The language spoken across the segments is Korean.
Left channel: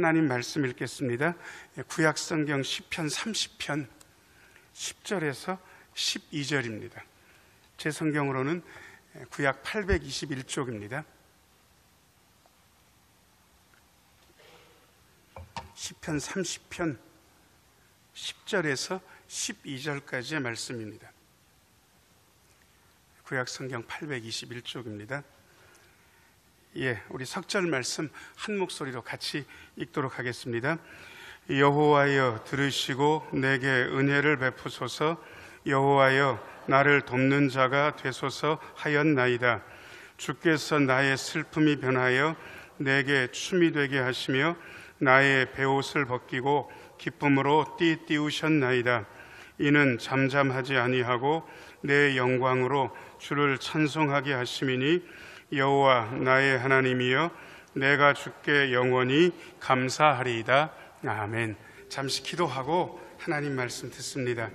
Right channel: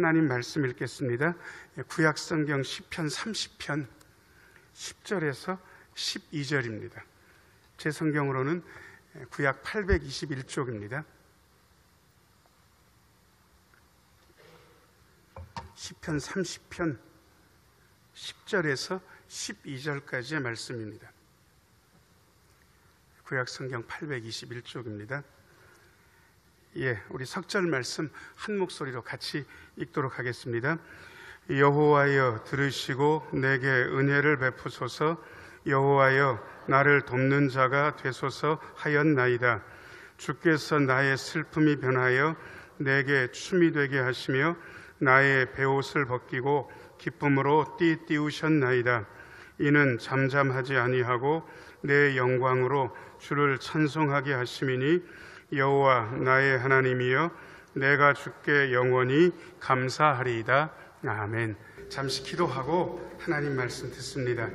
하나님 말씀 읽겠습니다. 구약성경 시편 30편 10절에서 12절입니다. 제 성경으로는 구약 821쪽입니다. 시편 30편 10절에서 12절까지의 말씀입니다. 구약성경 821쪽입니다. 우리 석절 말씀 한 목소리로 같이 읽도록 하겠습니다. 여호와여 들으시고 내게 은혜를 베푸소서. 여호와여 나를 돕는 자가 되소서 하였나이다. 주께서 나의 슬픔이 변하여 내게 춤이 되게 하시며 나의 베옷을 벗기고 기쁨으로 띠띠우셨나이다. 이는 잠잠하지 아니하고 내 영광으로 주를 찬송하게 하심이니 여호와 나의 하나님이여 내가 주께 영원히 감사하리이다. 아멘. 잠시 기도하고 하나님 말씀 듣습니다.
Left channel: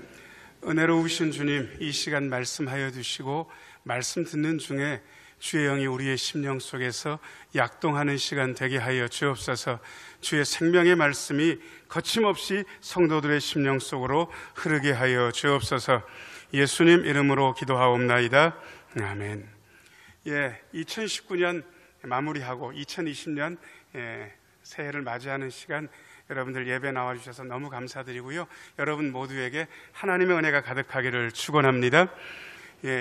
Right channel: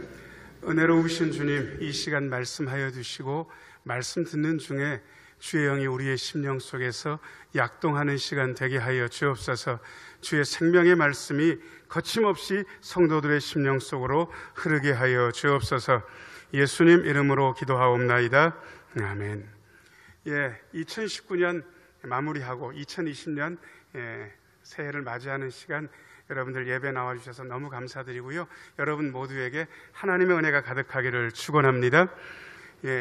은혜로우신 주님, 이 시간 말씀하여 주시고 말씀 듣는 중에 주의 영이 우리의 심령 속에서 약동하는 시간 되게 하여 주옵소서. 주의 생명의 말씀이 거침없이 성도들의 심령 속으로 흐르게 하여 주옵소서. 예수님 이름으로 기도하옵나이다. 아멘. 2019년 마무리하고 2020년 새해를 맞이하는 시간, 여러분들 예배 나와주셔서 너무 감사드리고요. 여러분 모두에게 하나님의 은혜가 가득하기를 축원합니다.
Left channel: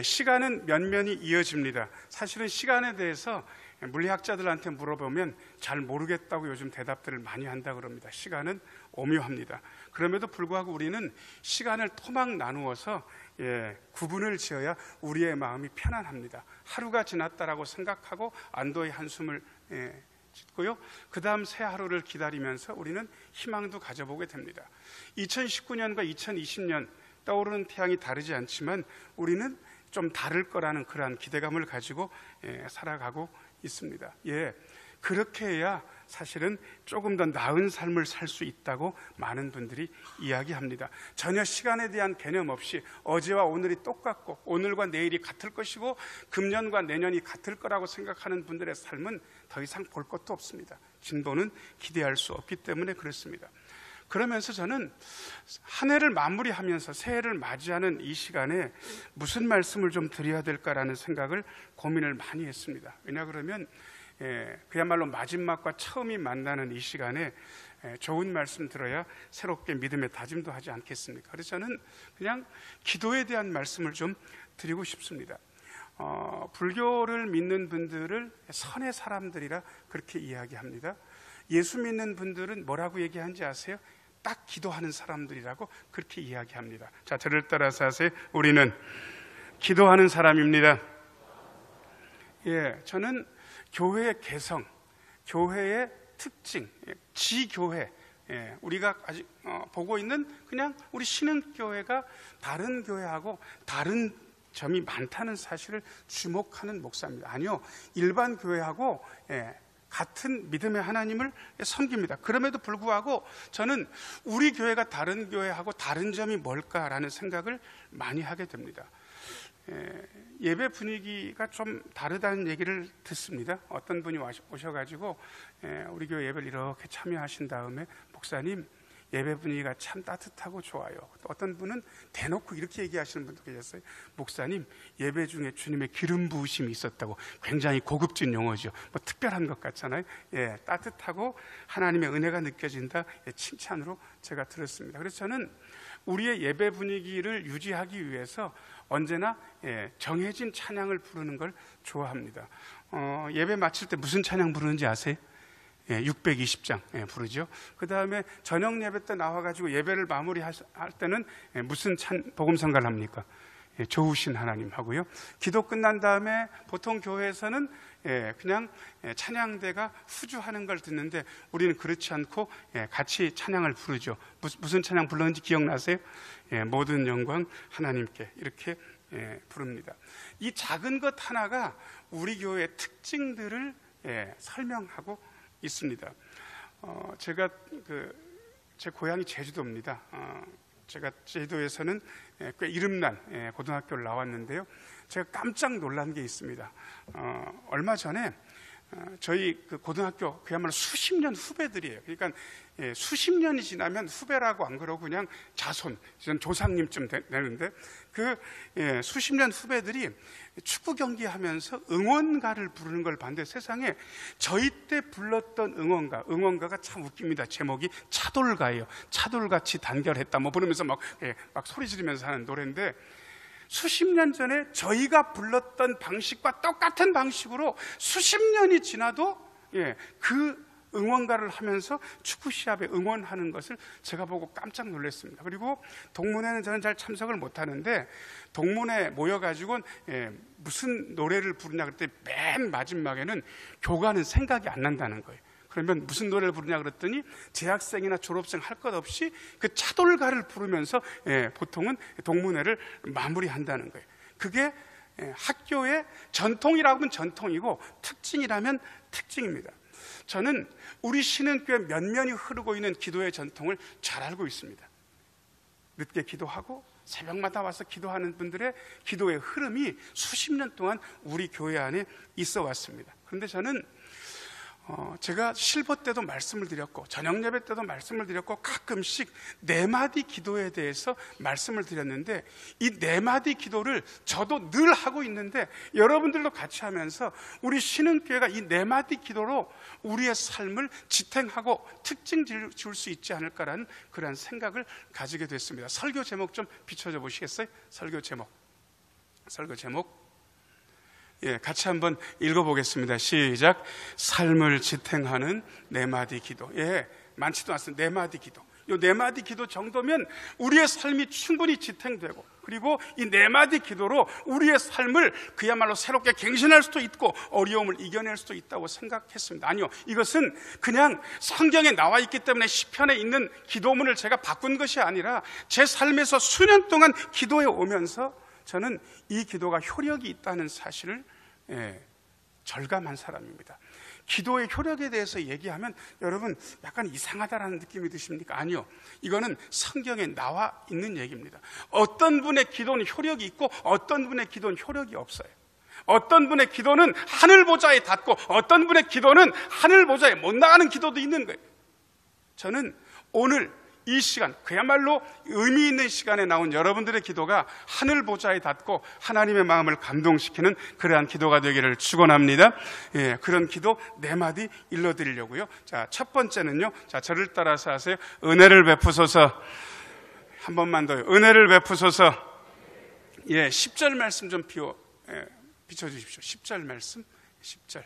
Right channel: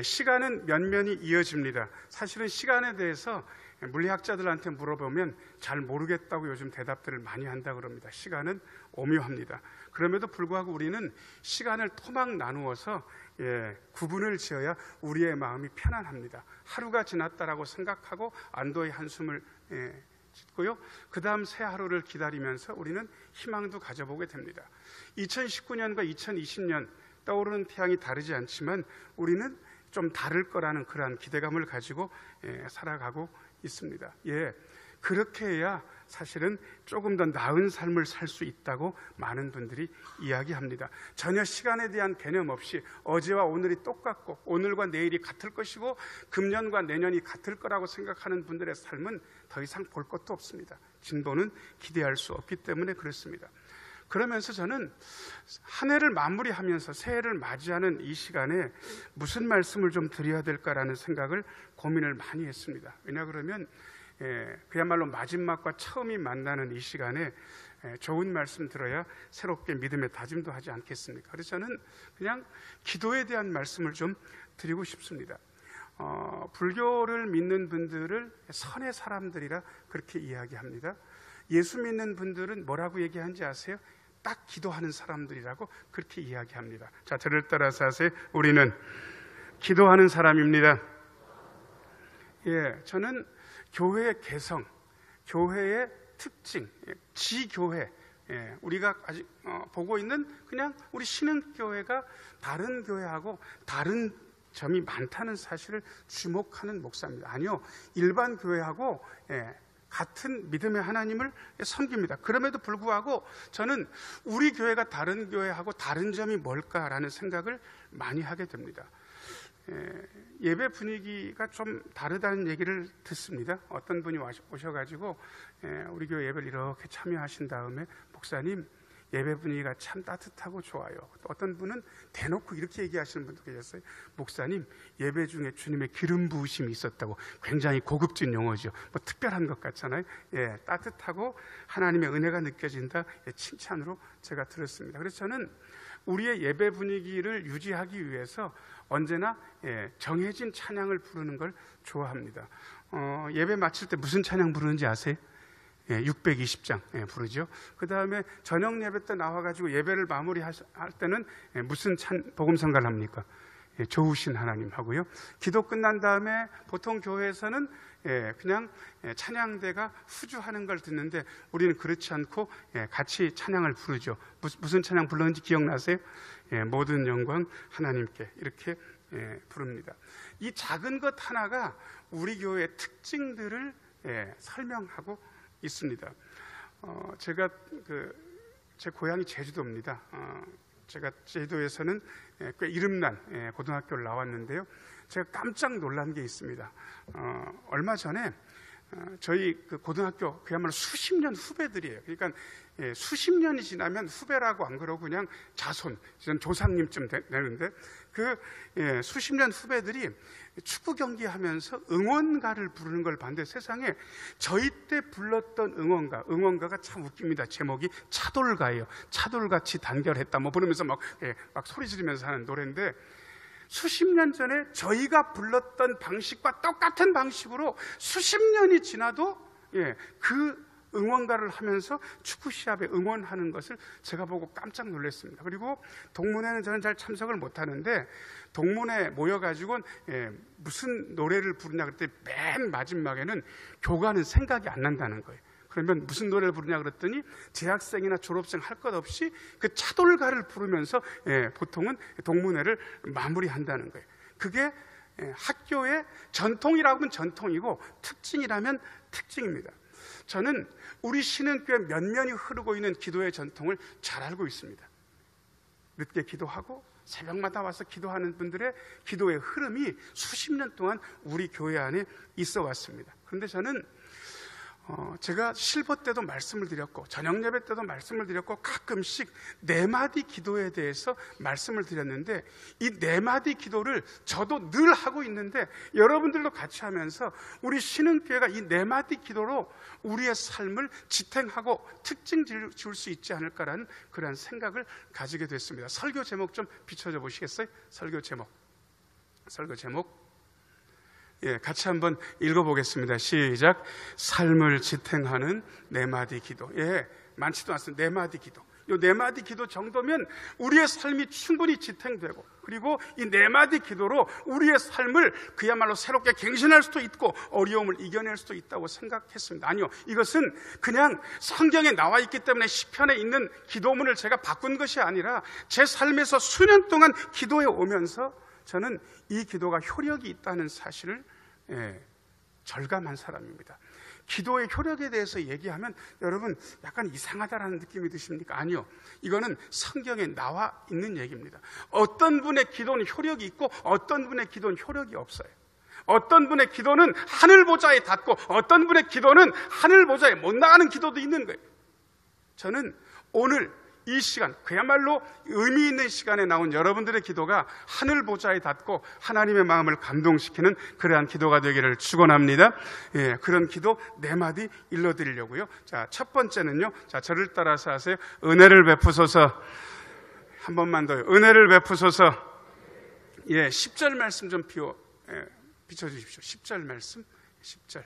시간은 면면이 이어집니다. 사실은 시간에 대해서 물리학자들한테 물어보면 잘 모르겠다고 요즘 대답들을 많이 한다 그럽니다. 시간은 오묘합니다. 그럼에도 불구하고 우리는 시간을 토막 나누어서 구분을 지어야 우리의 마음이 편안합니다. 하루가 지났다라고 생각하고 안도의 한숨을 짓고요. 그 다음 새 하루를 기다리면서 우리는 희망도 가져보게 됩니다. 2019년과 2020년 떠오르는 태양이 다르지 않지만 우리는 좀 다를 거라는 그러한 기대감을 가지고 살아가고 있습니다. 그렇게 해야 사실은 조금 더 나은 삶을 살 수 있다고 많은 분들이 이야기합니다. 전혀 시간에 대한 개념 없이 어제와 오늘이 똑같고 오늘과 내일이 같을 것이고 금년과 내년이 같을 거라고 생각하는 분들의 삶은 더 이상 볼 것도 없습니다. 진보는 기대할 수 없기 때문에 그렇습니다. 그러면서 저는 한 해를 마무리하면서 새해를 맞이하는 이 시간에 무슨 말씀을 좀 드려야 될까라는 생각을 고민을 많이 했습니다. 왜냐 그러면 그야말로 마지막과 처음이 만나는 이 시간에 좋은 말씀 들어야 새롭게 믿음의 다짐도 하지 않겠습니까? 그래서 저는 그냥 기도에 대한 말씀을 좀 드리고 싶습니다. 불교를 믿는 분들을 선의 사람들이라 그렇게 이야기합니다. 예수 믿는 분들은 뭐라고 얘기하는지 아세요? 딱 기도하는 사람들이라고 그렇게 이야기합니다. 자, 저를 따라서 하세요. 우리는 기도하는 사람입니다. 저는 교회의 개성, 교회의 특징, 지교회, 우리가 아직 보고 있는 그냥 우리 신흥교회가 다른 교회하고 다른 점이 많다는 사실을 주목하는 목사입니다. 아니요, 일반 교회하고 같은 믿음의 하나님을 섬깁니다. 그럼에도 불구하고 저는 우리 교회가 다른 교회하고 다른 점이 뭘까라는 생각을 많이 하게 됩니다. 예배 분위기가 좀 다르다는 얘기를 듣습니다. 어떤 분이 오셔가지고 우리 교회 예배를 이렇게 참여하신 다음에 목사님 예배 분위기가 참 따뜻하고 좋아요. 어떤 분은 대놓고 이렇게 얘기하시는 분도 계셨어요. 목사님 예배 중에 주님의 기름 부으심이 있었다고. 굉장히 고급진 용어죠. 뭐 특별한 것 같잖아요. 따뜻하고 하나님의 은혜가 느껴진다. 칭찬으로 제가 들었습니다. 그래서 저는 우리의 예배 분위기를 유지하기 위해서 언제나 정해진 찬양을 부르는 걸 좋아합니다. 예배 마칠 때 무슨 찬양 부르는지 아세요? 620장 부르죠. 그 다음에 저녁 예배 때 나와가지고 예배를 마무리할 때는 무슨 복음성가를 합니까? 좋으신 하나님 하고요. 기도 끝난 다음에 보통 교회에서는 그냥 찬양대가 후주하는 걸 듣는데 우리는 그렇지 않고 같이 찬양을 부르죠. 무슨 찬양 불렀는지 기억나세요? 모든 영광 하나님께 이렇게 부릅니다. 이 작은 것 하나가 우리 교회의 특징들을 설명하고 있습니다. 제가 제 고향이 제주도입니다. 제가 제주도에서는 꽤 이름난 고등학교를 나왔는데요. 제가 깜짝 놀란 게 있습니다. 얼마 전에 저희 그 고등학교 그야말로 수십 년 후배들이에요. 그러니까 수십 년이 지나면 후배라고 안 그러고 그냥 자손, 조상님쯤 되는데 수십 년 후배들이 축구 경기하면서 응원가를 부르는 걸 봤는데 세상에 저희 때 불렀던 응원가가 참 웃깁니다. 제목이 차돌가예요. 차돌같이 단결했다 뭐 부르면서 막 소리 지르면서 하는 노래인데 수십 년 전에 저희가 불렀던 방식과 똑같은 방식으로 수십 년이 지나도 그 응원가를 하면서 축구 시합에 응원하는 것을 제가 보고 깜짝 놀랐습니다. 그리고 동문회는 저는 잘 참석을 못하는데 동문회 모여가지고 무슨 노래를 부르냐 그랬더니 맨 마지막에는 교가는 생각이 안 난다는 거예요. 그러면 무슨 노래를 부르냐 그랬더니 재학생이나 졸업생 할 것 없이 그 차돌가를 부르면서 보통은 동문회를 마무리한다는 거예요. 그게 학교의 전통이라고 하면 전통이고 특징이라면 특징입니다. 저는 우리 신흥교회 면면이 흐르고 있는 기도의 전통을 잘 알고 있습니다. 늦게 기도하고 새벽마다 와서 기도하는 분들의 기도의 흐름이 수십 년 동안 우리 교회 안에 있어 왔습니다. 그런데 저는 제가 실버 때도 말씀을 드렸고 저녁 예배 때도 말씀을 드렸고 가끔씩 4마디 기도에 대해서 말씀을 드렸는데 이 4마디 기도를 저도 늘 하고 있는데 여러분들도 같이 하면서 우리 신흥교회가 이 4마디 기도로 우리의 삶을 지탱하고 특징 지을 수 있지 않을까라는 그런 생각을 가지게 됐습니다. 설교 제목 좀 비춰줘 보시겠어요? 설교 제목 같이 한번 읽어보겠습니다. 시작. 삶을 지탱하는 4마디 기도. 많지도 않습니다. 4마디 기도. 이 4마디 기도 정도면 우리의 삶이 충분히 지탱되고 그리고 이 4마디 기도로 우리의 삶을 그야말로 새롭게 갱신할 수도 있고 어려움을 이겨낼 수도 있다고 생각했습니다. 아니요. 이것은 그냥 성경에 나와 있기 때문에 시편에 있는 기도문을 제가 바꾼 것이 아니라 제 삶에서 수년 동안 기도해 오면서 저는 이 기도가 효력이 있다는 사실을 절감한 사람입니다. 기도의 효력에 대해서 얘기하면 여러분 약간 이상하다라는 느낌이 드십니까? 아니요. 이거는 성경에 나와 있는 얘기입니다. 어떤 분의 기도는 효력이 있고 어떤 분의 기도는 효력이 없어요. 어떤 분의 기도는 하늘 보좌에 닿고 어떤 분의 기도는 하늘 보좌에 못 나가는 기도도 있는 거예요. 저는 오늘 이 시간, 그야말로 의미 있는 시간에 나온 여러분들의 기도가 하늘 보좌에 닿고 하나님의 마음을 감동시키는 그러한 기도가 되기를 축원합니다. 그런 기도 4마디 일러드리려고요. 자, 첫 번째는요. 자, 저를 따라서 하세요. 은혜를 베푸소서. 한 번만 더요. 은혜를 베푸소서. 10절 말씀 좀 비춰주십시오. 10절 말씀. 10절.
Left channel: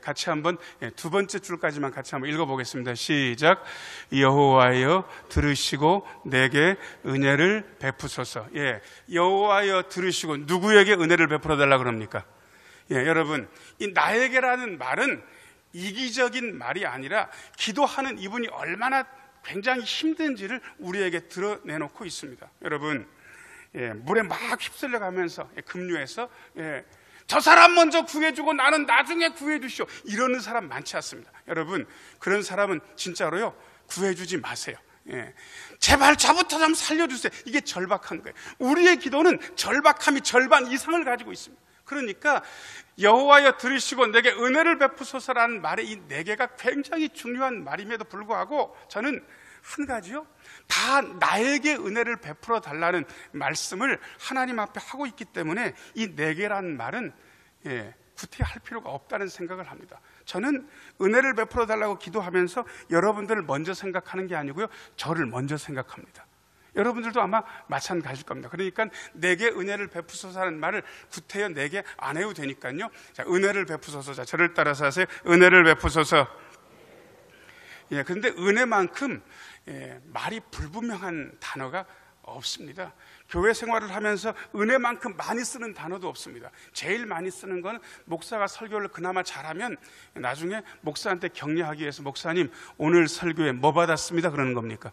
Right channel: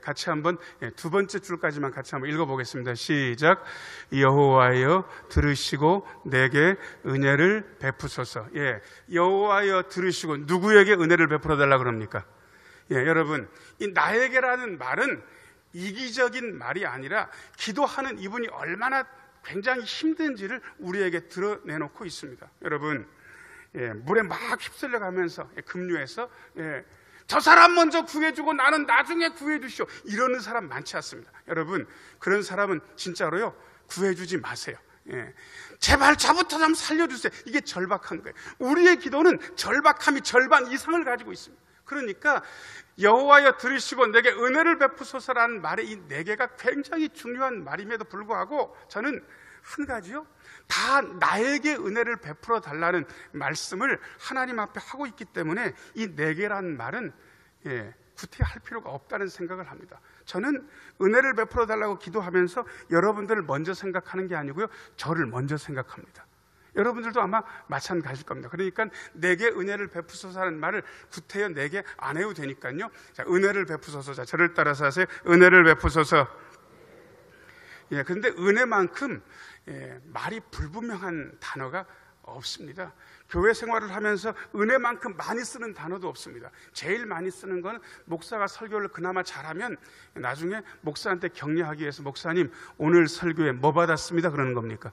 같이 한번 두 번째 줄까지만 같이 한번 읽어보겠습니다. 시작. 여호와여 들으시고 내게 은혜를 베푸소서. 여호와여 들으시고 누구에게 은혜를 베풀어 달라 그럽니까? 여러분, 이 나에게라는 말은 이기적인 말이 아니라 기도하는 이분이 얼마나 굉장히 힘든지를 우리에게 드러내놓고 있습니다. 여러분, 물에 막 휩쓸려 가면서 급류해서 저 사람 먼저 구해주고 나는 나중에 구해주시오. 이러는 사람 많지 않습니다. 여러분, 그런 사람은 진짜로요, 구해주지 마세요. 제발 저부터 좀 살려주세요. 이게 절박한 거예요. 우리의 기도는 절박함이 절반 이상을 가지고 있습니다. 그러니까 여호와여 들으시고 내게 은혜를 베푸소서라는 말의 이 4개가 굉장히 중요한 말임에도 불구하고 저는 한 가지요, 다 나에게 은혜를 베풀어 달라는 말씀을 하나님 앞에 하고 있기 때문에 이 4개라는 말은 구태할 필요가 없다는 생각을 합니다. 저는 은혜를 베풀어 달라고 기도하면서 여러분들을 먼저 생각하는 게 아니고요, 저를 먼저 생각합니다. 여러분들도 아마 마찬가지일 겁니다. 그러니까 내게 은혜를 베푸소서 하는 말을 구태여 내게 안 해도 되니까요. 자, 은혜를 베푸소서. 자, 저를 따라서 하세요. 은혜를 베푸소서. 그런데 은혜만큼 말이 불분명한 단어가 없습니다. 교회 생활을 하면서 은혜만큼 많이 쓰는 단어도 없습니다. 제일 많이 쓰는 건 목사가 설교를 그나마 잘하면 나중에 목사한테 격려하기 위해서 목사님 오늘 설교에 뭐 받았습니다 그러는 겁니까?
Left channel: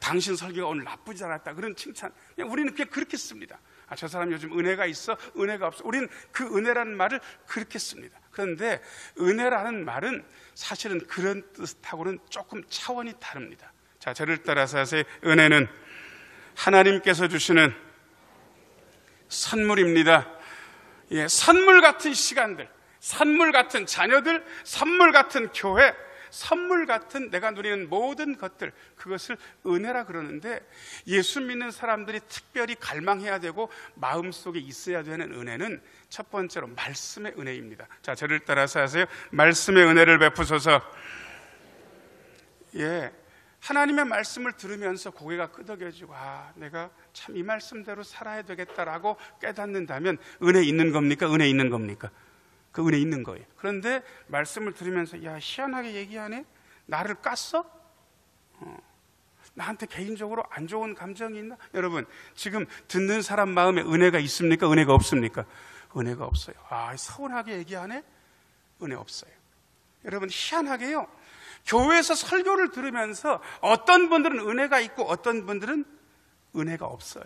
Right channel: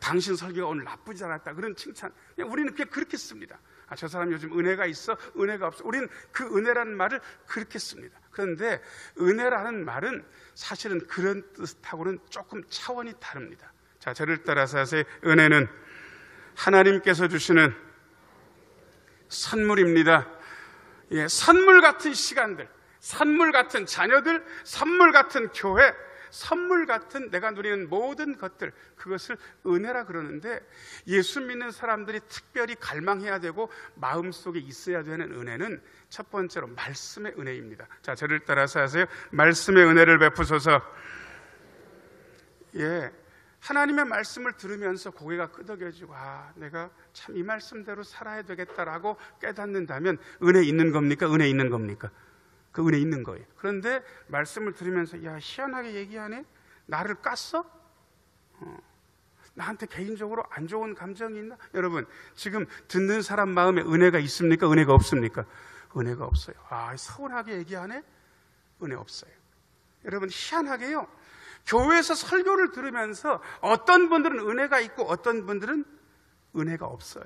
당신 설교가 오늘 나쁘지 않았다 그런 칭찬. 우리는 그냥 그렇게 씁니다. 저 사람 요즘 은혜가 있어, 은혜가 없어. 우리는 그 은혜라는 말을 그렇게 씁니다. 그런데 은혜라는 말은 사실은 그런 뜻하고는 조금 차원이 다릅니다. 자, 저를 따라서 하세요. 은혜는 하나님께서 주시는 선물입니다. 선물 같은 시간들, 선물 같은 자녀들, 선물 같은 교회, 선물 같은 내가 누리는 모든 것들, 그것을 은혜라 그러는데, 예수 믿는 사람들이 특별히 갈망해야 되고 마음속에 있어야 되는 은혜는 첫 번째로 말씀의 은혜입니다. 자, 저를 따라서 하세요. 말씀의 은혜를 베푸소서. 하나님의 말씀을 들으면서 고개가 끄덕여지고, 내가 참 이 말씀대로 살아야 되겠다라고 깨닫는다면 은혜 있는 겁니까? 은혜 있는 겁니까? 그 은혜 있는 거예요. 그런데 말씀을 들으면서 희한하게 얘기하네? 나를 깠어? 나한테 개인적으로 안 좋은 감정이 있나? 여러분, 지금 듣는 사람 마음에 은혜가 있습니까? 은혜가 없습니까? 은혜가 없어요. 서운하게 얘기하네? 은혜 없어요. 여러분, 희한하게요, 교회에서 설교를 들으면서 어떤 분들은 은혜가 있고 어떤 분들은 은혜가 없어요.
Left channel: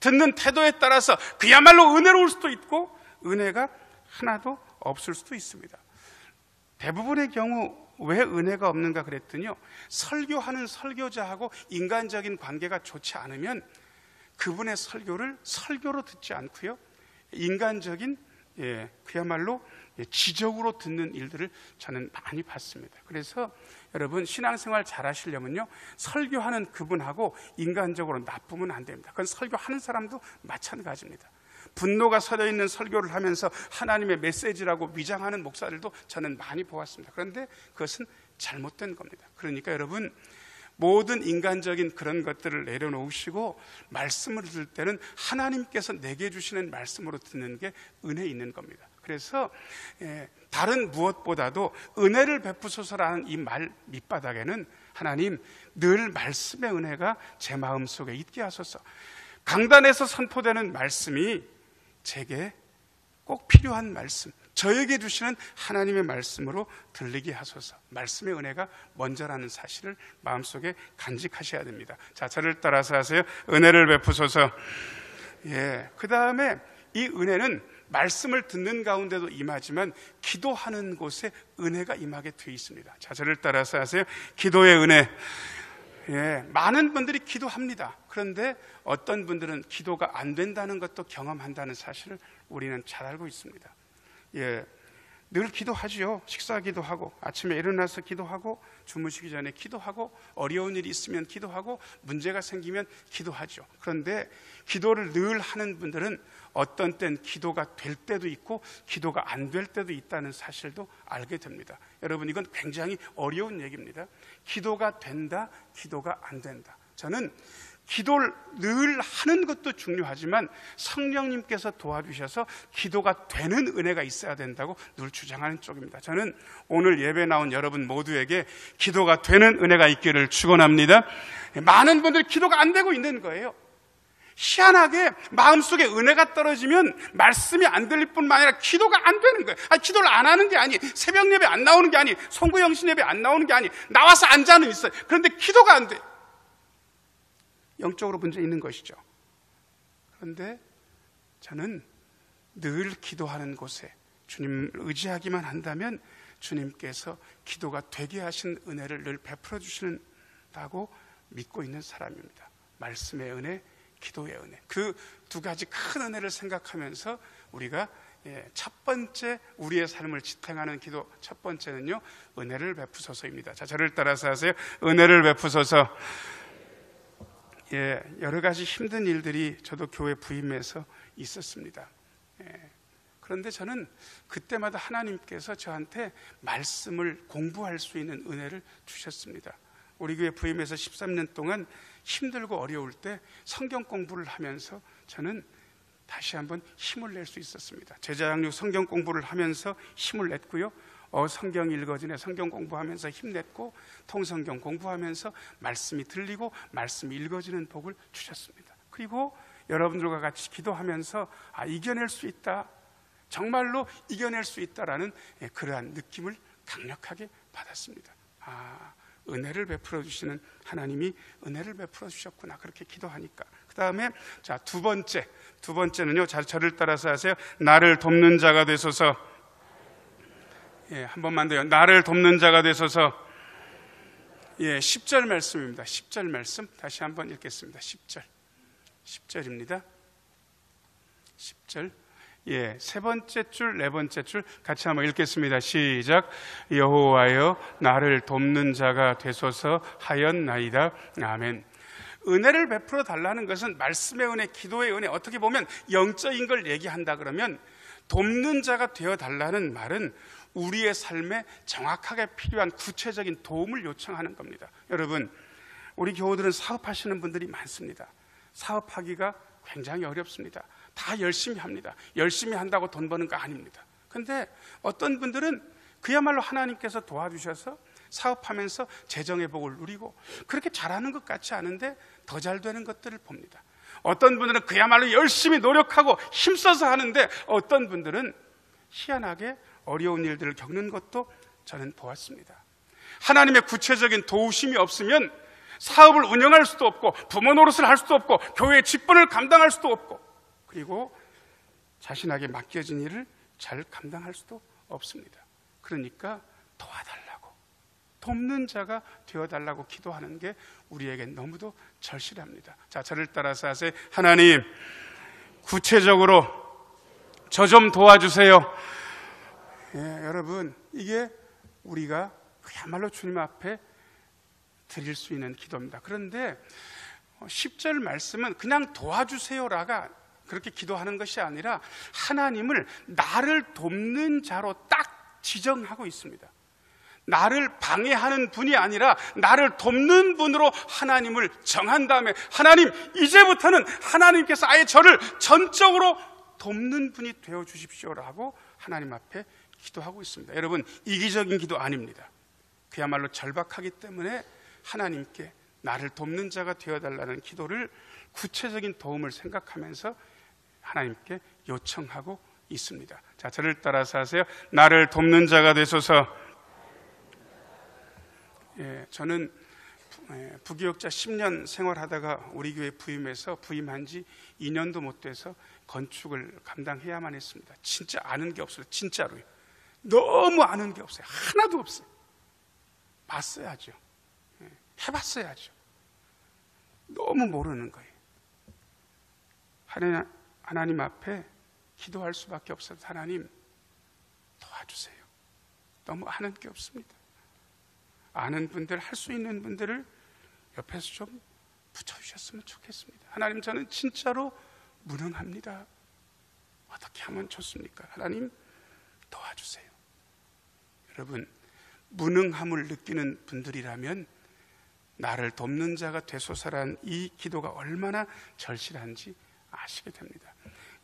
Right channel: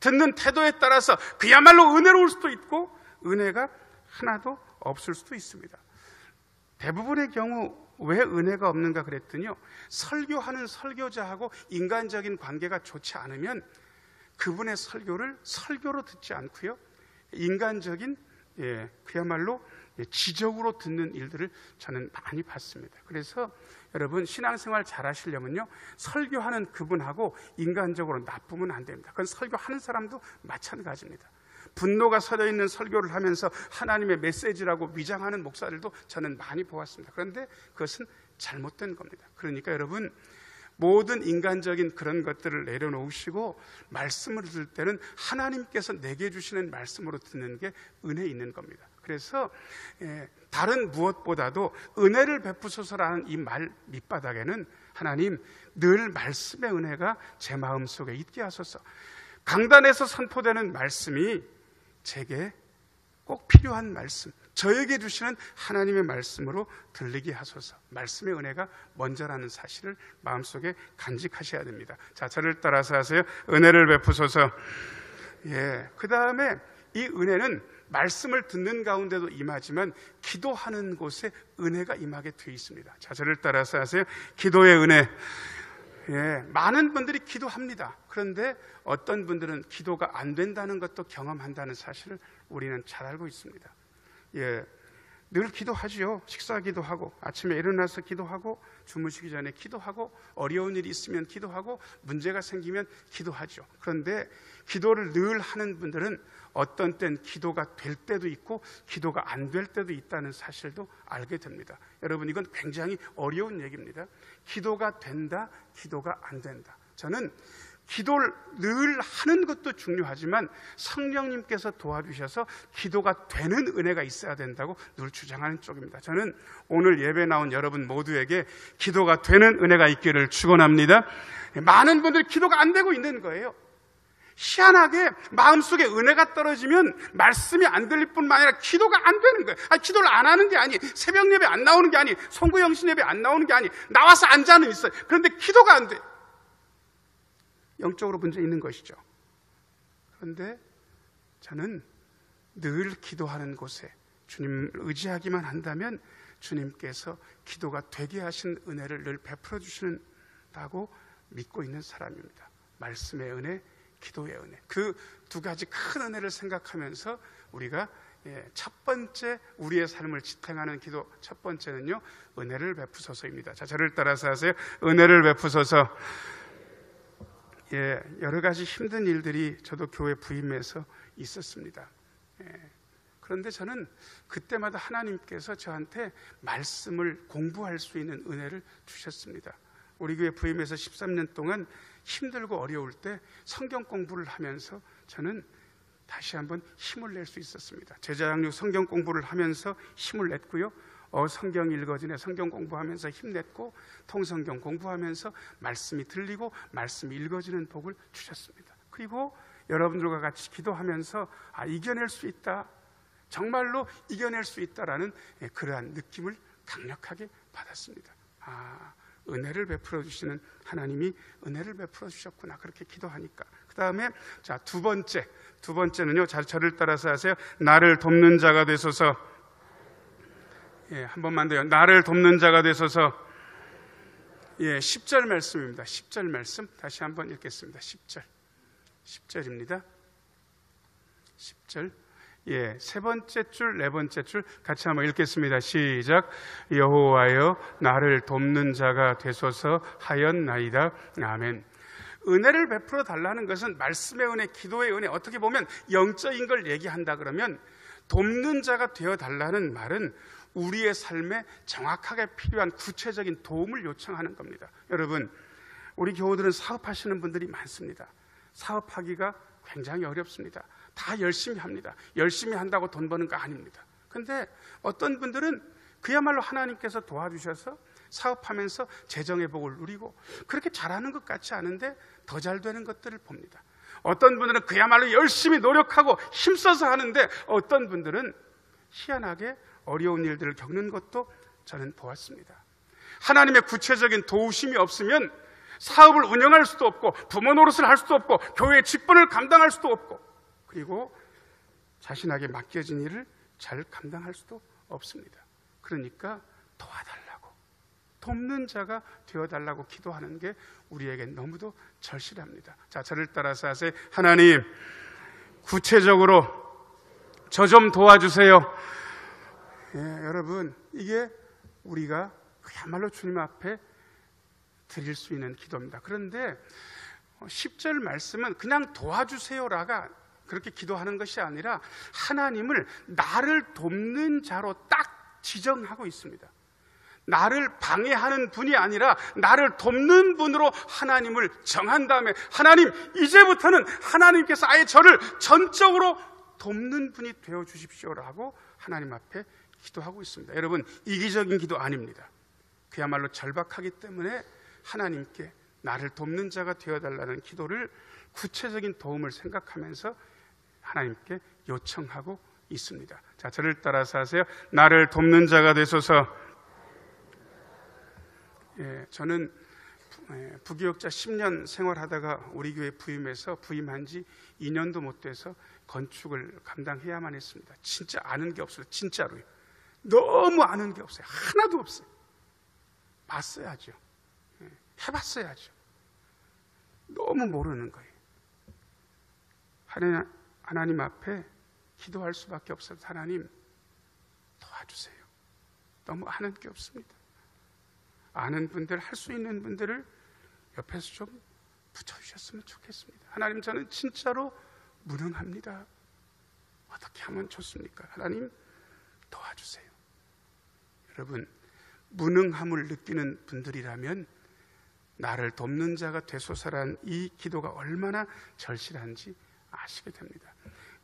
듣는 태도에 따라서 그야말로 은혜로울 수도 있고 은혜가 하나도 없을 수도 있습니다. 대부분의 경우 왜 은혜가 없는가 그랬더니요, 설교하는 설교자하고 인간적인 관계가 좋지 않으면 그분의 설교를 설교로 듣지 않고요, 인간적인 그야말로 지적으로 듣는 일들을 저는 많이 봤습니다. 그래서 여러분, 신앙생활 잘 하시려면요, 설교하는 그분하고 인간적으로 나쁘면 안 됩니다. 그건 설교하는 사람도 마찬가지입니다. 분노가 서려 있는 설교를 하면서 하나님의 메시지라고 위장하는 목사들도 저는 많이 보았습니다. 그런데 그것은 잘못된 겁니다. 그러니까 여러분, 모든 인간적인 그런 것들을 내려놓으시고 말씀을 들을 때는 하나님께서 내게 주시는 말씀으로 듣는 게 은혜 있는 겁니다. 그래서 다른 무엇보다도 은혜를 베푸소서라는 이 말 밑바닥에는 하나님, 늘 말씀의 은혜가 제 마음속에 있게 하소서. 강단에서 선포되는 말씀이 제게 꼭 필요한 말씀, 저에게 주시는 하나님의 말씀으로 들리게 하소서. 말씀의 은혜가 먼저라는 사실을 마음속에 간직하셔야 됩니다. 자, 저를 따라서 하세요. 은혜를 베푸소서. 그 다음에 이 은혜는 말씀을 듣는 가운데도 임하지만 기도하는 곳에 은혜가 임하게 되어 있습니다. 자, 저를 따라서 하세요. 기도의 은혜. 많은 분들이 기도합니다. 그런데 어떤 분들은 기도가 안 된다는 것도 경험한다는 사실을 우리는 잘 알고 있습니다. 늘 기도하죠. 식사 기도하고, 아침에 일어나서 기도하고, 주무시기 전에 기도하고, 어려운 일이 있으면 기도하고, 문제가 생기면 기도하죠. 그런데 기도를 늘 하는 분들은 어떤 땐 기도가 될 때도 있고 기도가 안 될 때도 있다는 사실도 알게 됩니다. 여러분, 이건 굉장히 어려운 얘기입니다. 기도가 된다, 기도가 안 된다. 저는 기도를 늘 하는 것도 중요하지만 성령님께서 도와주셔서 기도가 되는 은혜가 있어야 된다고 늘 주장하는 쪽입니다. 저는 오늘 예배 나온 여러분 모두에게 기도가 되는 은혜가 있기를 축원합니다. 많은 분들이 기도가 안 되고 있는 거예요. 희한하게 마음속에 은혜가 떨어지면 말씀이 안 들릴 뿐만 아니라 기도가 안 되는 거예요. 기도를 안 하는 게 아니, 새벽 예배 안 나오는 게 아니, 송구영신 예배 안 나오는 게 아니, 나와서 앉아는 있어요. 그런데 기도가 안 돼요. 영적으로 문제 있는 것이죠. 그런데 저는 늘 기도하는 곳에 주님을 의지하기만 한다면 주님께서 기도가 되게 하신 은혜를 늘 베풀어 주시는다고 믿고 있는 사람입니다. 말씀의 은혜, 기도의 은혜, 그 두 가지 큰 은혜를 생각하면서 우리가 첫 번째 우리의 삶을 지탱하는 기도, 첫 번째는요, 은혜를 베푸소서입니다. 자, 저를 따라서 하세요. 은혜를 베푸소서. 여러 가지 힘든 일들이 저도 교회 부임해서 있었습니다. 그런데 저는 그때마다 하나님께서 저한테 말씀을 공부할 수 있는 은혜를 주셨습니다. 우리 교회 부임해서 13년 동안 힘들고 어려울 때 성경 공부를 하면서 저는 다시 한번 힘을 낼 수 있었습니다. 제자양육 성경 공부를 하면서 힘을 냈고요. 성경 읽어지네 성경 공부하면서 힘냈고, 통성경 공부하면서 말씀이 들리고 말씀이 읽어지는 복을 주셨습니다. 그리고 여러분들과 같이 기도하면서 이겨낼 수 있다, 정말로 이겨낼 수 있다라는 그러한 느낌을 강력하게 받았습니다. 은혜를 베풀어 주시는 하나님이 은혜를 베풀어 주셨구나, 그렇게 기도하니까. 그 다음에 자, 두 번째는요, 저를 따라서 하세요. 나를 돕는 자가 되소서. 한 번만 더요. 나를 돕는 자가 되소서. 10절 말씀입니다. 10절 말씀 다시 한번 읽겠습니다. 10절입니다. 10절. 세 번째 줄, 네 번째 줄 같이 한번 읽겠습니다. 시작. 여호와여 나를 돕는 자가 되소서 하였나이다. 아멘. 은혜를 베풀어 달라는 것은 말씀의 은혜, 기도의 은혜, 어떻게 보면 영적인 걸 얘기한다 그러면 돕는 자가 되어 달라는 말은 우리의 삶에 정확하게 필요한 구체적인 도움을 요청하는 겁니다. 여러분, 우리 교우들은 사업하시는 분들이 많습니다. 사업하기가 굉장히 어렵습니다. 다 열심히 합니다. 열심히 한다고 돈 버는 거 아닙니다. 그런데 어떤 분들은 그야말로 하나님께서 도와주셔서 사업하면서 재정의 복을 누리고 그렇게 잘하는 것 같지 않은데 더 잘 되는 것들을 봅니다. 어떤 분들은 그야말로 열심히 노력하고 힘써서 하는데 어떤 분들은 희한하게 어려운 일들을 겪는 것도 저는 보았습니다. 하나님의 구체적인 도우심이 없으면 사업을 운영할 수도 없고 부모 노릇을 할 수도 없고 교회의 직분을 감당할 수도 없고 그리고 자신에게 맡겨진 일을 잘 감당할 수도 없습니다. 그러니까 도와달라고, 돕는 자가 되어달라고 기도하는 게 우리에게 너무도 절실합니다. 자, 저를 따라서 하세요. 하나님, 구체적으로 저 좀 도와주세요. 여러분, 이게 우리가 그야말로 주님 앞에 드릴 수 있는 기도입니다. 그런데 10절 말씀은 그냥 도와주세요라가 그렇게 기도하는 것이 아니라 하나님을 나를 돕는 자로 딱 지정하고 있습니다. 나를 방해하는 분이 아니라 나를 돕는 분으로 하나님을 정한 다음에 하나님, 이제부터는 하나님께서 아예 저를 전적으로 돕는 분이 되어 주십시오라고 하나님 앞에 기도하고 있습니다. 여러분, 이기적인 기도 아닙니다. 그야말로 절박하기 때문에 하나님께 나를 돕는 자가 되어달라는 기도를 구체적인 도움을 생각하면서 하나님께 요청하고 있습니다. 자, 저를 따라서 하세요. 나를 돕는 자가 되소서. 저는 부교역자 10년 생활하다가 우리 교회 부임한 지 2년도 못 돼서 건축을 감당해야만 했습니다. 진짜 아는 게 없어요. 진짜로요. 너무 아는 게 없어요. 하나도 없어요. 봤어야죠. 해봤어야죠. 너무 모르는 거예요. 하나님 앞에 기도할 수밖에 없어요. 하나님, 도와주세요. 너무 아는 게 없습니다. 아는 분들, 할 수 있는 분들을 옆에서 좀 붙여주셨으면 좋겠습니다. 하나님, 저는 진짜로 무능합니다. 어떻게 하면 좋습니까? 하나님, 도와주세요. 여러분, 무능함을 느끼는 분들이라면 나를 돕는 자가 되소서란 이 기도가 얼마나 절실한지 아시게 됩니다.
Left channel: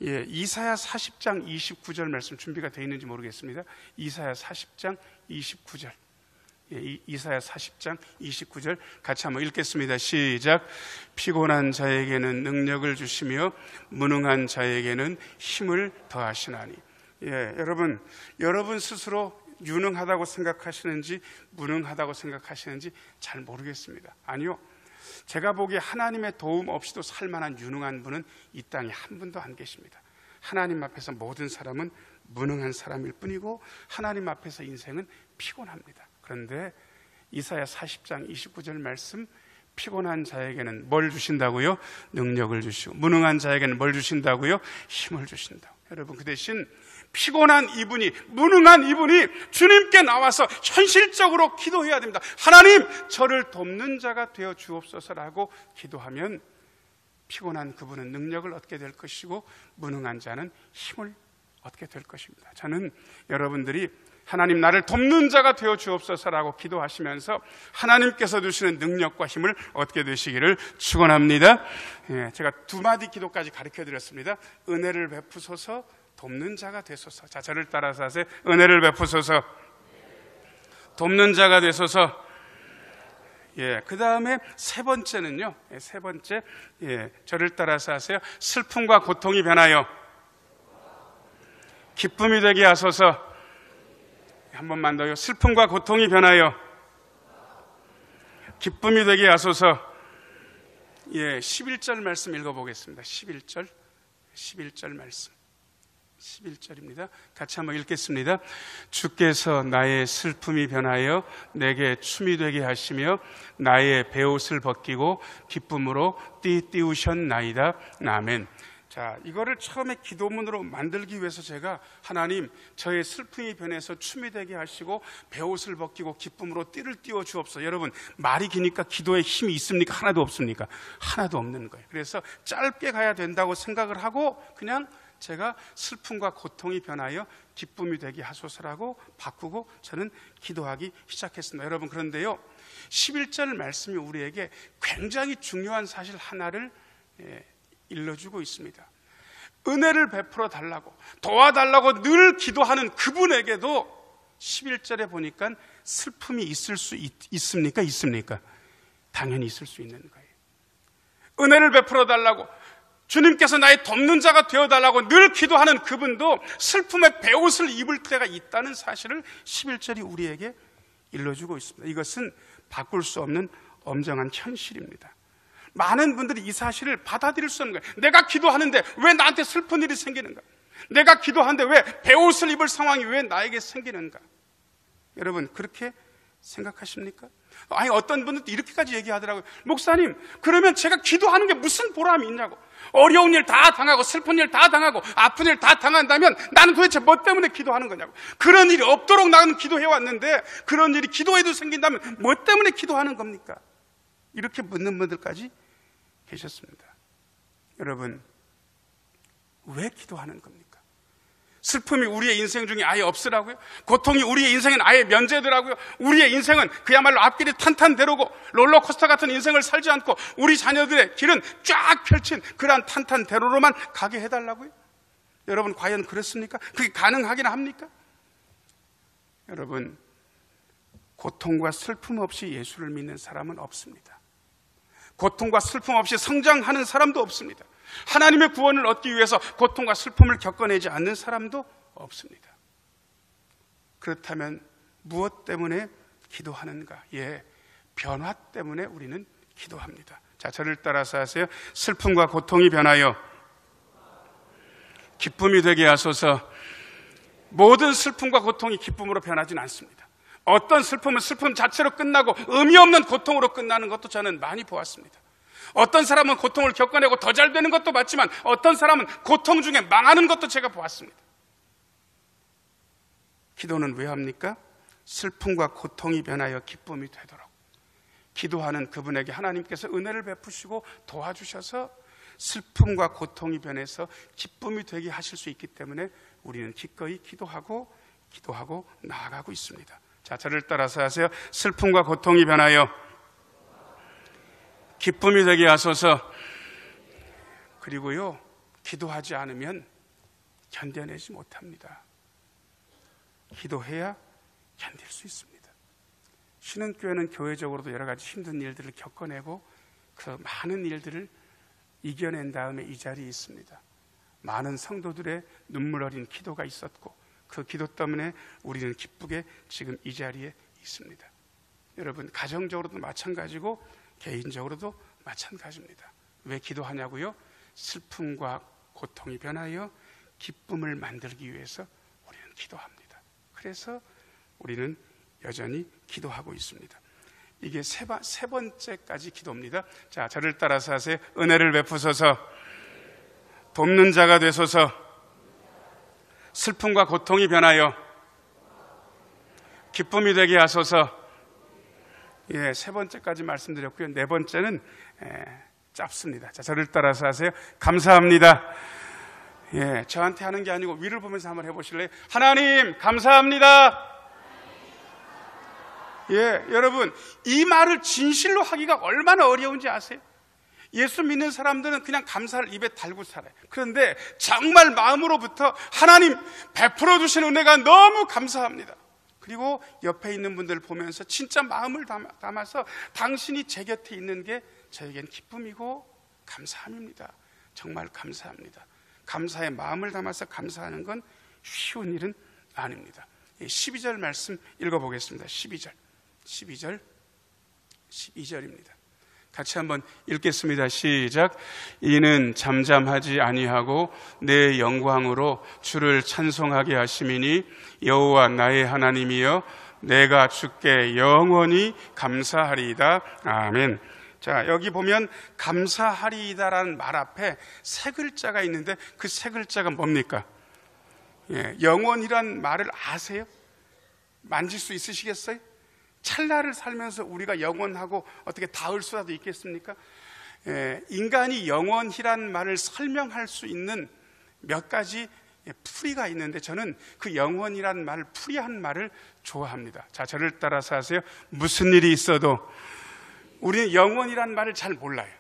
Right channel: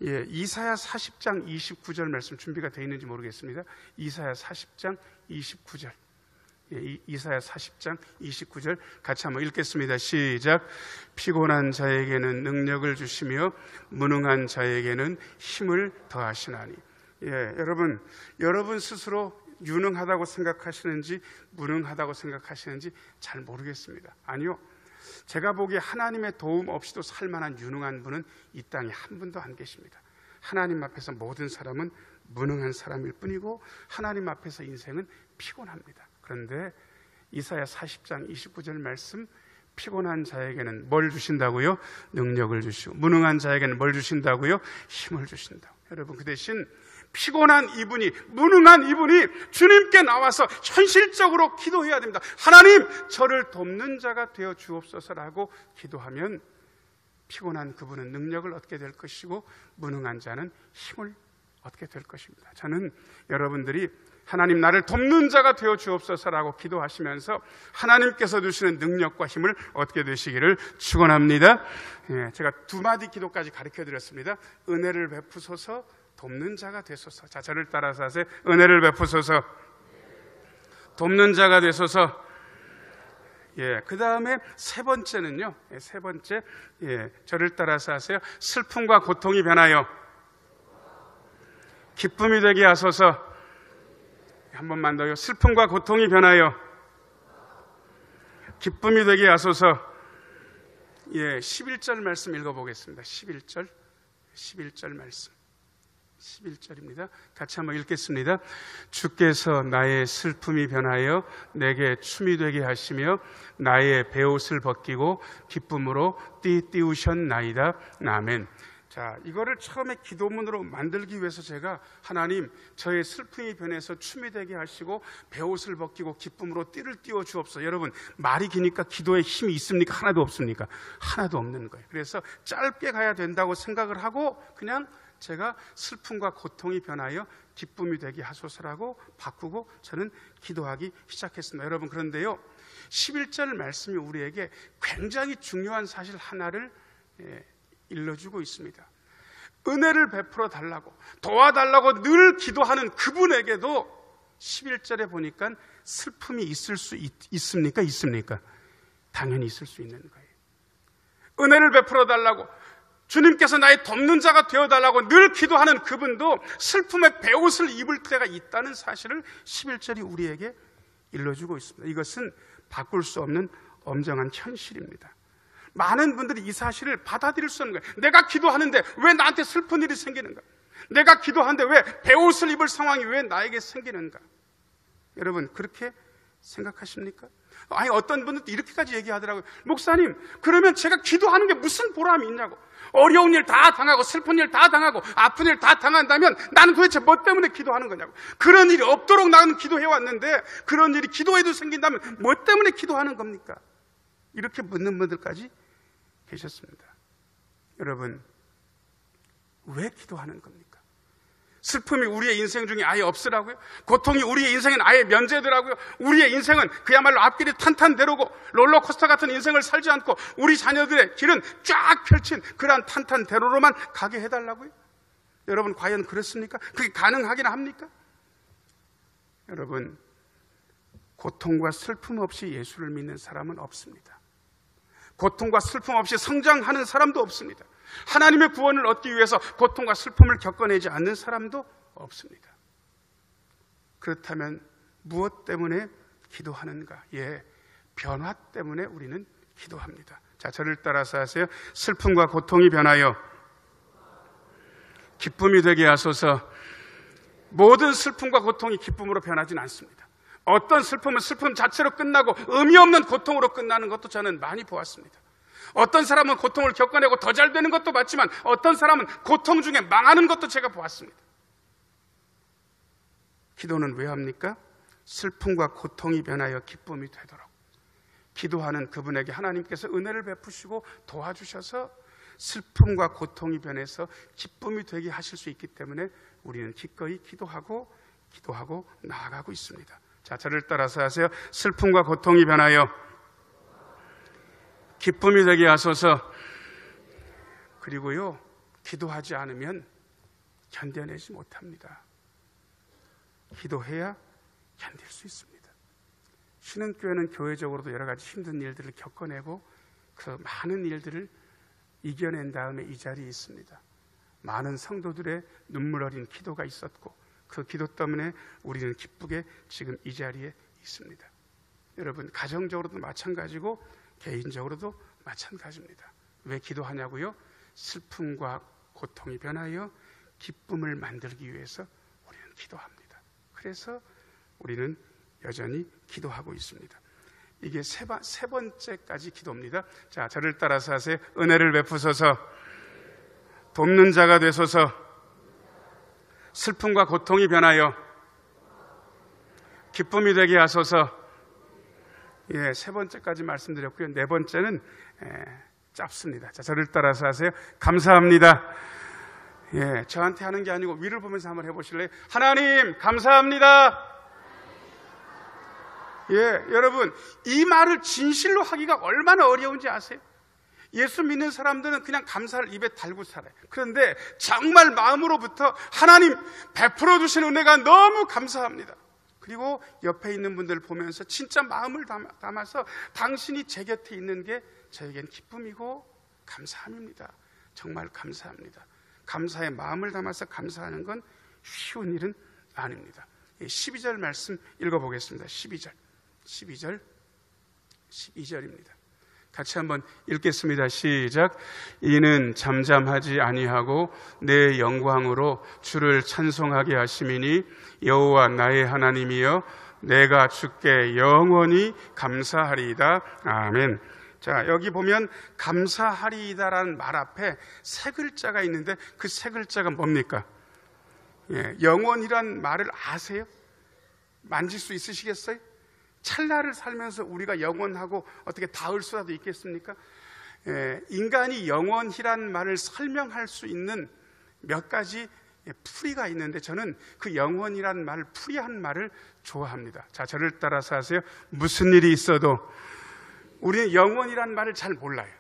이사야 40장 29절 말씀 준비가 되어 있는지 모르겠습니다. 이사야 40장 29절. 이사야 40장 29절 같이 한번 읽겠습니다. 시작. 피곤한 자에게는 능력을 주시며 무능한 자에게는 힘을 더하시나니. 여러분 스스로 유능하다고 생각하시는지 무능하다고 생각하시는지 잘 모르겠습니다. 아니요, 제가 보기에 하나님의 도움 없이도 살만한 유능한 분은 이 땅에 한 분도 안 계십니다. 하나님 앞에서 모든 사람은 무능한 사람일 뿐이고 하나님 앞에서 인생은 피곤합니다. 그런데 이사야 40장 29절 말씀, 피곤한 자에게는 뭘 주신다고요? 능력을 주시고, 무능한 자에게는 뭘 주신다고요? 힘을 주신다. 여러분, 그 대신 피곤한 이분이, 무능한 이분이 주님께 나와서 현실적으로 기도해야 됩니다. 하나님, 저를 돕는 자가 되어 주옵소서라고 기도하면 피곤한 그분은 능력을 얻게 될 것이고 무능한 자는 힘을 얻게 될 것입니다. 저는 여러분들이 하나님, 나를 돕는 자가 되어 주옵소서라고 기도하시면서 하나님께서 주시는 능력과 힘을 얻게 되시기를 축원합니다. 제가 두 마디 기도까지 가르쳐 드렸습니다. 은혜를 베푸소서, 돕는 자가 되소서. 자, 저를 따라서 하세요. 은혜를 베푸소서, 돕는 자가 되소서. 그 다음에 세 번째는요. 세 번째, 저를 따라서 하세요. 슬픔과 고통이 변하여 기쁨이 되게 하소서. 한 번만 더요. 슬픔과 고통이 변하여 기쁨이 되게 하소서. 11절 말씀 읽어보겠습니다. 11절 말씀. 11절입니다. 같이 한번 읽겠습니다. 주께서 나의 슬픔이 변하여 내게 춤이 되게 하시며 나의 베옷을 벗기고 기쁨으로 띠띠우셨나이다. 아멘. 자, 이거를 처음에 기도문으로 만들기 위해서 제가 하나님 저의 슬픔이 변해서 춤이 되게 하시고 베옷을 벗기고 기쁨으로 띠를 띄워 주옵소서. 여러분, 말이 기니까 기도에 힘이 있습니까? 하나도 없습니까? 하나도 없는 거예요. 그래서 짧게 가야 된다고 생각을 하고 그냥 제가 슬픔과 고통이 변하여 기쁨이 되게 하소서라고 바꾸고 저는 기도하기 시작했습니다. 여러분, 그런데요, 11절 말씀이 우리에게 굉장히 중요한 사실 하나를 일러주고 있습니다. 은혜를 베풀어 달라고, 도와달라고 늘 기도하는 그분에게도 11절에 보니까 슬픔이 있을 수 있습니까? 있습니까? 당연히 있을 수 있는 거예요. 은혜를 베풀어 달라고, 주님께서 나의 돕는 자가 되어달라고 늘 기도하는 그분도 슬픔의 베옷을 입을 때가 있다는 사실을 11절이 우리에게 일러주고 있습니다. 이것은 바꿀 수 없는 엄정한 현실입니다. 많은 분들이 이 사실을 받아들일 수 없는 거예요. 내가 기도하는데 왜 나한테 슬픈 일이 생기는가? 내가 기도하는데 왜 베옷을 입을 상황이 왜 나에게 생기는가? 여러분, 그렇게 생각하십니까? 아니, 어떤 분들도 이렇게까지 얘기하더라고요. 목사님, 그러면 제가 기도하는 게 무슨 보람이 있냐고. 어려운 일 다 당하고 슬픈 일 다 당하고 아픈 일 다 당한다면 나는 도대체 뭐 때문에 기도하는 거냐고. 그런 일이 없도록 나는 기도해왔는데 그런 일이 기도해도 생긴다면 뭐 때문에 기도하는 겁니까? 이렇게 묻는 분들까지 계셨습니다. 여러분, 왜 기도하는 겁니까? 슬픔이 우리의 인생 중에 아예 없으라고요? 고통이 우리의 인생은 아예 면제되라고요? 우리의 인생은 그야말로 앞길이 탄탄대로고 롤러코스터 같은 인생을 살지 않고 우리 자녀들의 길은 쫙 펼친 그러한 탄탄대로로만 가게 해달라고요? 여러분, 과연 그렇습니까? 그게 가능하긴 합니까? 여러분, 고통과 슬픔 없이 예수를 믿는 사람은 없습니다. 고통과 슬픔 없이 성장하는 사람도 없습니다. 하나님의 구원을 얻기 위해서 고통과 슬픔을 겪어내지 않는 사람도 없습니다. 그렇다면 무엇 때문에 기도하는가? 예, 변화 때문에 우리는 기도합니다. 자, 저를 따라서 하세요. 슬픔과 고통이 변하여 기쁨이 되게 하소서. 모든 슬픔과 고통이 기쁨으로 변하지는 않습니다. 어떤 슬픔은 슬픔 자체로 끝나고 의미 없는 고통으로 끝나는 것도 저는 많이 보았습니다. 어떤 사람은 고통을 겪어내고 더 잘 되는 것도 맞지만 어떤 사람은 고통 중에 망하는 것도 제가 보았습니다. 기도는 왜 합니까? 슬픔과 고통이 변하여 기쁨이 되도록. 기도하는 그분에게 하나님께서 은혜를 베푸시고 도와주셔서 슬픔과 고통이 변해서 기쁨이 되게 하실 수 있기 때문에 우리는 기꺼이 기도하고 나아가고 있습니다. 자, 저를 따라서 하세요. 슬픔과 고통이 변하여 기쁨이 되게 하소서. 그리고요, 기도하지 않으면 견뎌내지 못합니다. 기도해야 견딜 수 있습니다. 신흥교회는 교회적으로도 여러 가지 힘든 일들을 겪어내고 그 많은 일들을 이겨낸 다음에 이 자리에 있습니다. 많은 성도들의 눈물 어린 기도가 있었고 그 기도 때문에 우리는 기쁘게 지금 이 자리에 있습니다. 여러분, 가정적으로도 마찬가지고 개인적으로도 마찬가지입니다. 왜 기도하냐고요? 슬픔과 고통이 변하여 기쁨을 만들기 위해서 우리는 기도합니다. 그래서 우리는 여전히 기도하고 있습니다. 이게 세 번째까지 기도입니다. 자, 저를 따라서 하세요. 은혜를 베푸소서. 돕는 자가 되소서. 슬픔과 고통이 변하여 기쁨이 되게 하소서. 예, 세 번째까지 말씀드렸고요. 네 번째는 짧습니다. 자, 저를 따라서 하세요. 감사합니다. 예, 저한테 하는 게 아니고 위를 보면서 한번 해보실래요? 하나님, 감사합니다. 예, 여러분, 이 말을 진실로 하기가 얼마나 어려운지 아세요? 예수 믿는 사람들은 그냥 감사를 입에 달고 살아요. 그런데 정말 마음으로부터 하나님 베풀어 주신 은혜가 너무 감사합니다. 그리고 옆에 있는 분들을 보면서 진짜 마음을 담아서 당신이 제 곁에 있는 게 저에겐 기쁨이고 감사함입니다. 정말 감사합니다. 감사의 마음을 담아서 감사하는 건 쉬운 일은 아닙니다. 12절 말씀 읽어보겠습니다. 12절입니다. 같이 한번 읽겠습니다. 시작. 이는 잠잠하지 아니하고 내 영광으로 주를 찬송하게 하심이니 여호와 나의 하나님이여 내가 주께 영원히 감사하리이다. 아멘. 자, 여기 보면 감사하리이다라는 말 앞에 세 글자가 있는데 그 세 글자가 뭡니까? 예, 영원이란 말을 아세요? 만질 수 있으시겠어요? 찰나를 살면서 우리가 영원하고 어떻게 닿을 수라도 있겠습니까? 예, 인간이 영원이란 말을 설명할 수 있는 몇 가지 풀이가 있는데 저는 그 영원이란 말, 풀이한 말을 좋아합니다. 자, 저를 따라서 하세요. 무슨 일이 있어도 우리는 영원이란 말을 잘 몰라요.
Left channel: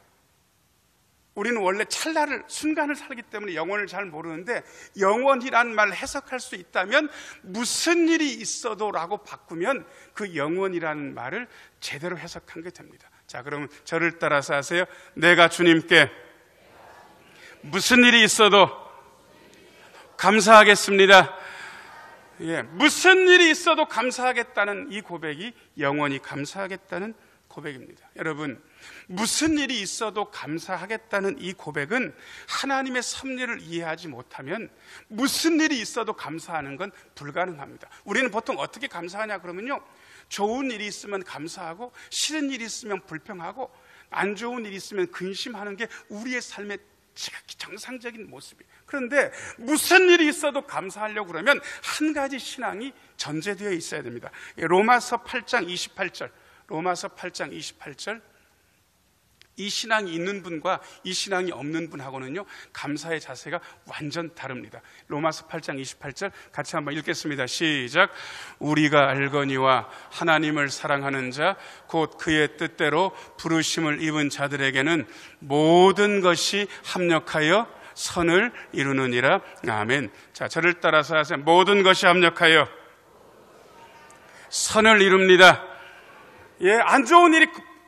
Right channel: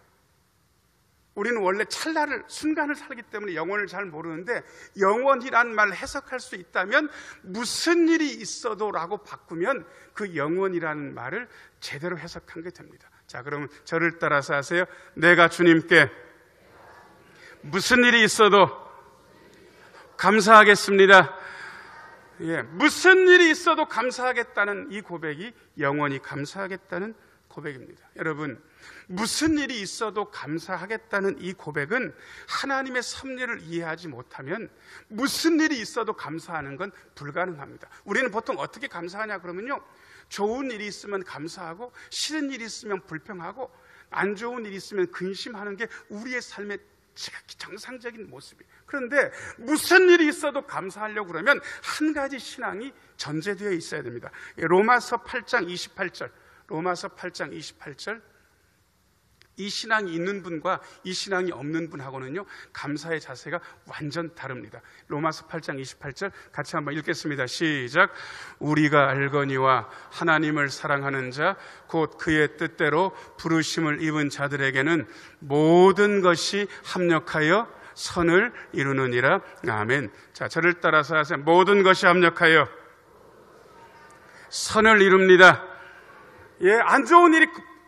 우리는 원래 찰나를, 순간을 살기 때문에 영원을 잘 모르는데 영원이란 말을 해석할 수 있다면 무슨 일이 있어도 라고 바꾸면 그 영원이라는 말을 제대로 해석한 게 됩니다. 자, 그러면 저를 따라서 하세요. 내가 주님께 무슨 일이 있어도 감사하겠습니다. 예, 무슨 일이 있어도 감사하겠다는 이 고백이 영원히 감사하겠다는 고백입니다. 여러분, 무슨 일이 있어도 감사하겠다는 이 고백은 하나님의 섭리를 이해하지 못하면 무슨 일이 있어도 감사하는 건 불가능합니다. 우리는 보통 어떻게 감사하냐 그러면요, 좋은 일이 있으면 감사하고 싫은 일이 있으면 불평하고 안 좋은 일이 있으면 근심하는 게 우리의 삶의 지극히 정상적인 모습이에요. 그런데 무슨 일이 있어도 감사하려고 그러면 한 가지 신앙이 전제되어 있어야 됩니다. 로마서 8장 28절, 로마서 8장 28절, 이 신앙이 있는 분과 이 신앙이 없는 분하고는요, 감사의 자세가 완전 다릅니다. 로마서 8장 28절 같이 한번 읽겠습니다. 시작. 우리가 알거니와 하나님을 사랑하는 자 곧 그의 뜻대로 부르심을 입은 자들에게는 모든 것이 합력하여 선을 이루느니라. 아멘. 자, 저를 따라서 하세요. 모든 것이 합력하여 선을 이룹니다. 예, 안 좋은 일이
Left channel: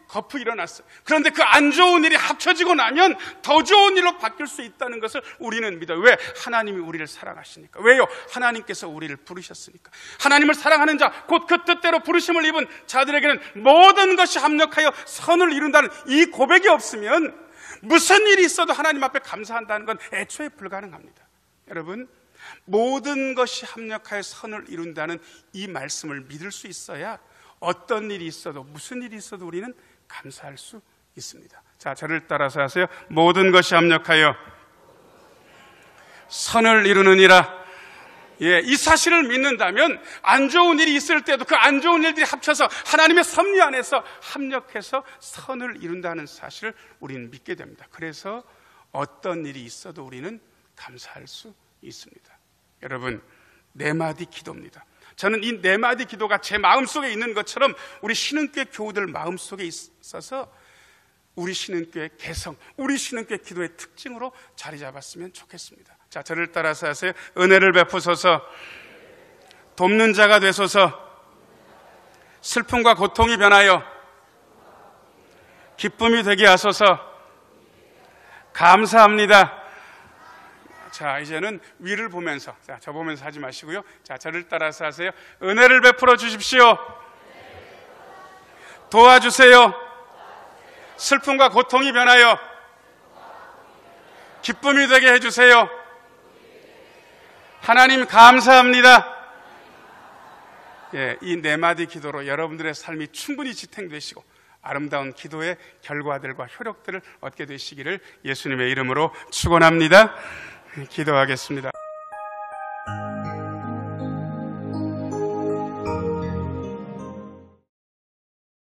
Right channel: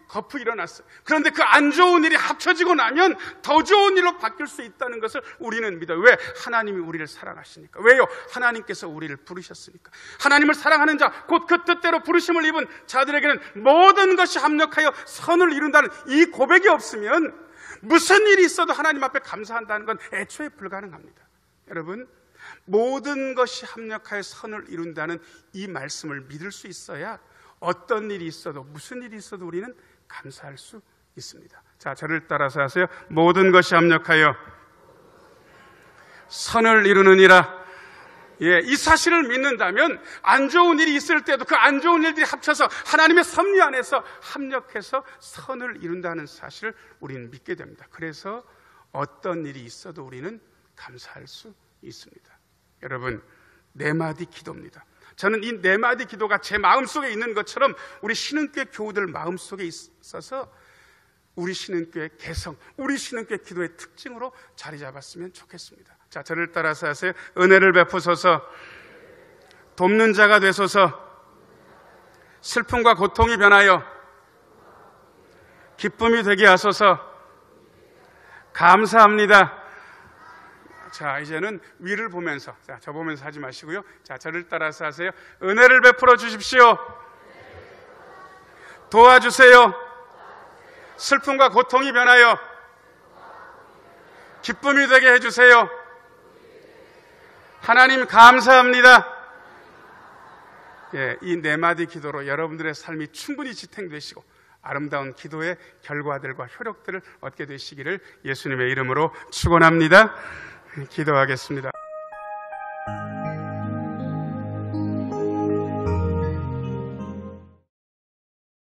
거푸 일어났어요. 그런데 그 안 좋은 일이 합쳐지고 나면 더 좋은 일로 바뀔 수 있다는 것을 우리는 믿어요. 왜? 하나님이 우리를 사랑하시니까. 왜요? 하나님께서 우리를 부르셨으니까. 하나님을 사랑하는 자, 곧 그 뜻대로 부르심을 입은 자들에게는 모든 것이 합력하여 선을 이룬다는 이 고백이 없으면 무슨 일이 있어도 하나님 앞에 감사한다는 건 애초에 불가능합니다. 여러분, 모든 것이 합력하여 선을 이룬다는 이 말씀을 믿을 수 있어야 어떤 일이 있어도 무슨 일이 있어도 우리는 감사할 수 있습니다. 자, 저를 따라서 하세요. 모든 것이 합력하여 선을 이루느니라. 예, 이 사실을 믿는다면 안 좋은 일이 있을 때도 그 안 좋은 일들이 합쳐서 하나님의 섭리 안에서 합력해서 선을 이룬다는 사실을 우리는 믿게 됩니다. 그래서 어떤 일이 있어도 우리는 감사할 수 있습니다. 여러분, 네 마디 기도입니다. 저는 이 네 마디 기도가 제 마음속에 있는 것처럼 우리 신흥교회 교우들 마음속에 있어서 우리 신흥교회 개성, 우리 신흥교회 기도의 특징으로 자리 잡았으면 좋겠습니다. 자, 저를 따라서 하세요. 은혜를 베푸소서, 돕는 자가 되소서, 슬픔과 고통이 변하여 기쁨이 되게 하소서, 감사합니다. 자, 이제는 위를 보면서, 자, 저 보면서 하지 마시고요. 자, 저를 따라서 하세요. 은혜를 베풀어 주십시오. 도와주세요. 슬픔과 고통이 변하여 기쁨이 되게 해주세요. 하나님 감사합니다. 예, 이 네 마디 기도로 여러분들의 삶이 충분히 지탱되시고 아름다운 기도의 결과들과 효력들을 얻게 되시기를 예수님의 이름으로 축원합니다. 기도하겠습니다.